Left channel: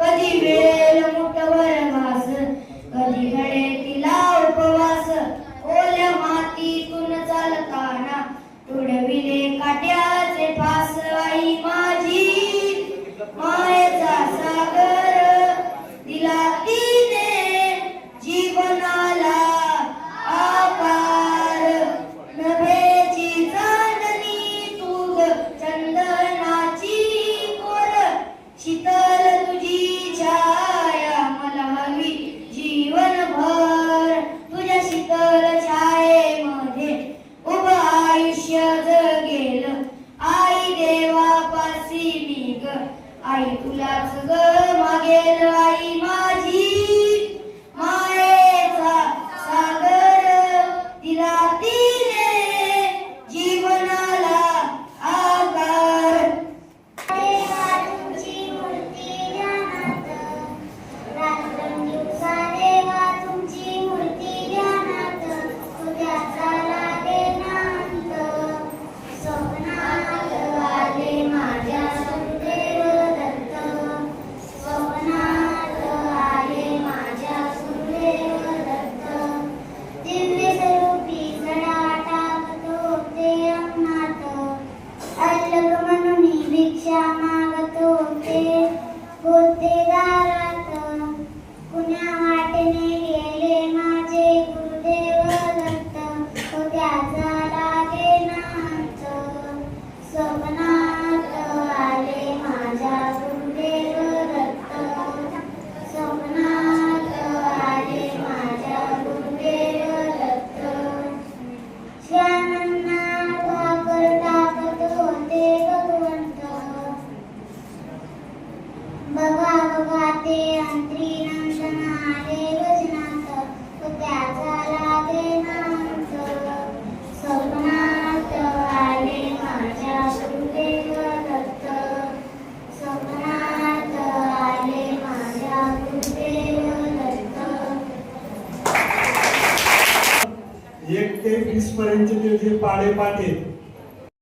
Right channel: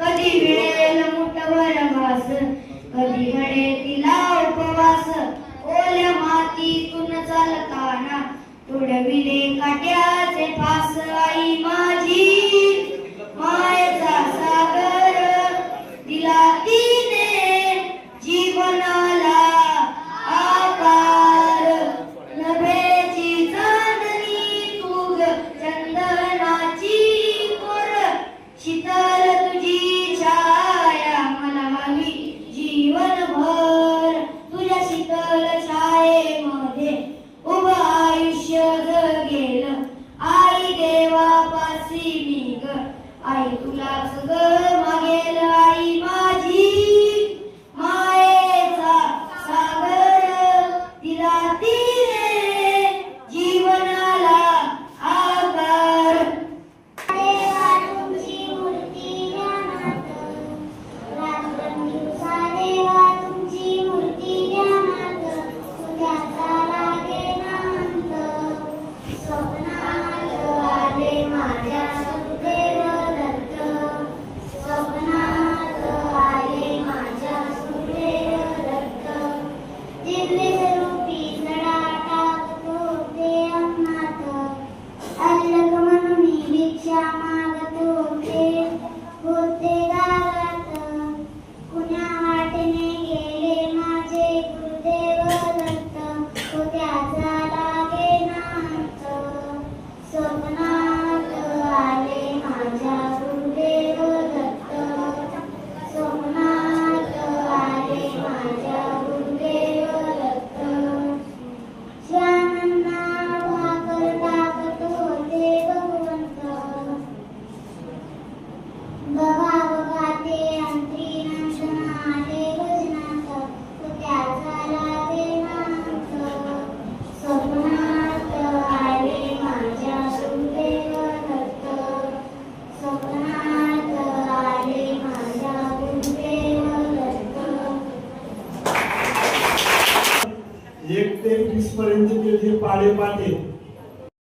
कधी मिळेल मुठभर घास, कधी घडे तिला उपवास. ओल्या मातीतून चालताना तुडविले काट्याचे फास. आई माझी मायेचा सागर दिला तिने जीवनाला आकार. नभेची चांदणी तू ग चंदनाची कोर, शीतल तुझी छाया मला हवी जीवनभर. तुझ्या शीतल छायेमध्ये उभं आयुष्य जगेल. आई देवापासी मी ग, आई तुलाच ग मागेल. आई माझी मायेचा सागर दिला तिने जीवनाला आकार. देवा तुमची मूर्ती ध्यानात, रात्रंदिवस देवा तुमची मूर्ती ध्यानात. उद्याचा लागेना अंत, स्वप्नात आले माझ्या सुखदेव दत्त. स्वप्नात आले माझ्या सुखदेव दत्त. दिव्य स्वरूपी सडा टाकत होते अंगणात, अल्लग म्हणून भिक्षा मागत होते दारात. कुण्या वाटेने गेले माझे गुरुदेव दत्त, त्याचा लागेना अंत. स्वप्नात आले माझ्या गुरुदेव दत्त. स्वप्नात आले माझ्या गुरुदेव दत्त. श्यामांना भाकर टाकत होते भगवंत, बघा बघा ते अंतरी नंदन आले वजनात. त्याचा लागेना अंत. स्वप्नात आले माझ्या गुरुदेव दत्त. स्वप्नात आले माझ्या गुरुदेव दत्त. 1 ते 20 पर्यंतचे जे पाढे पाठ आहेत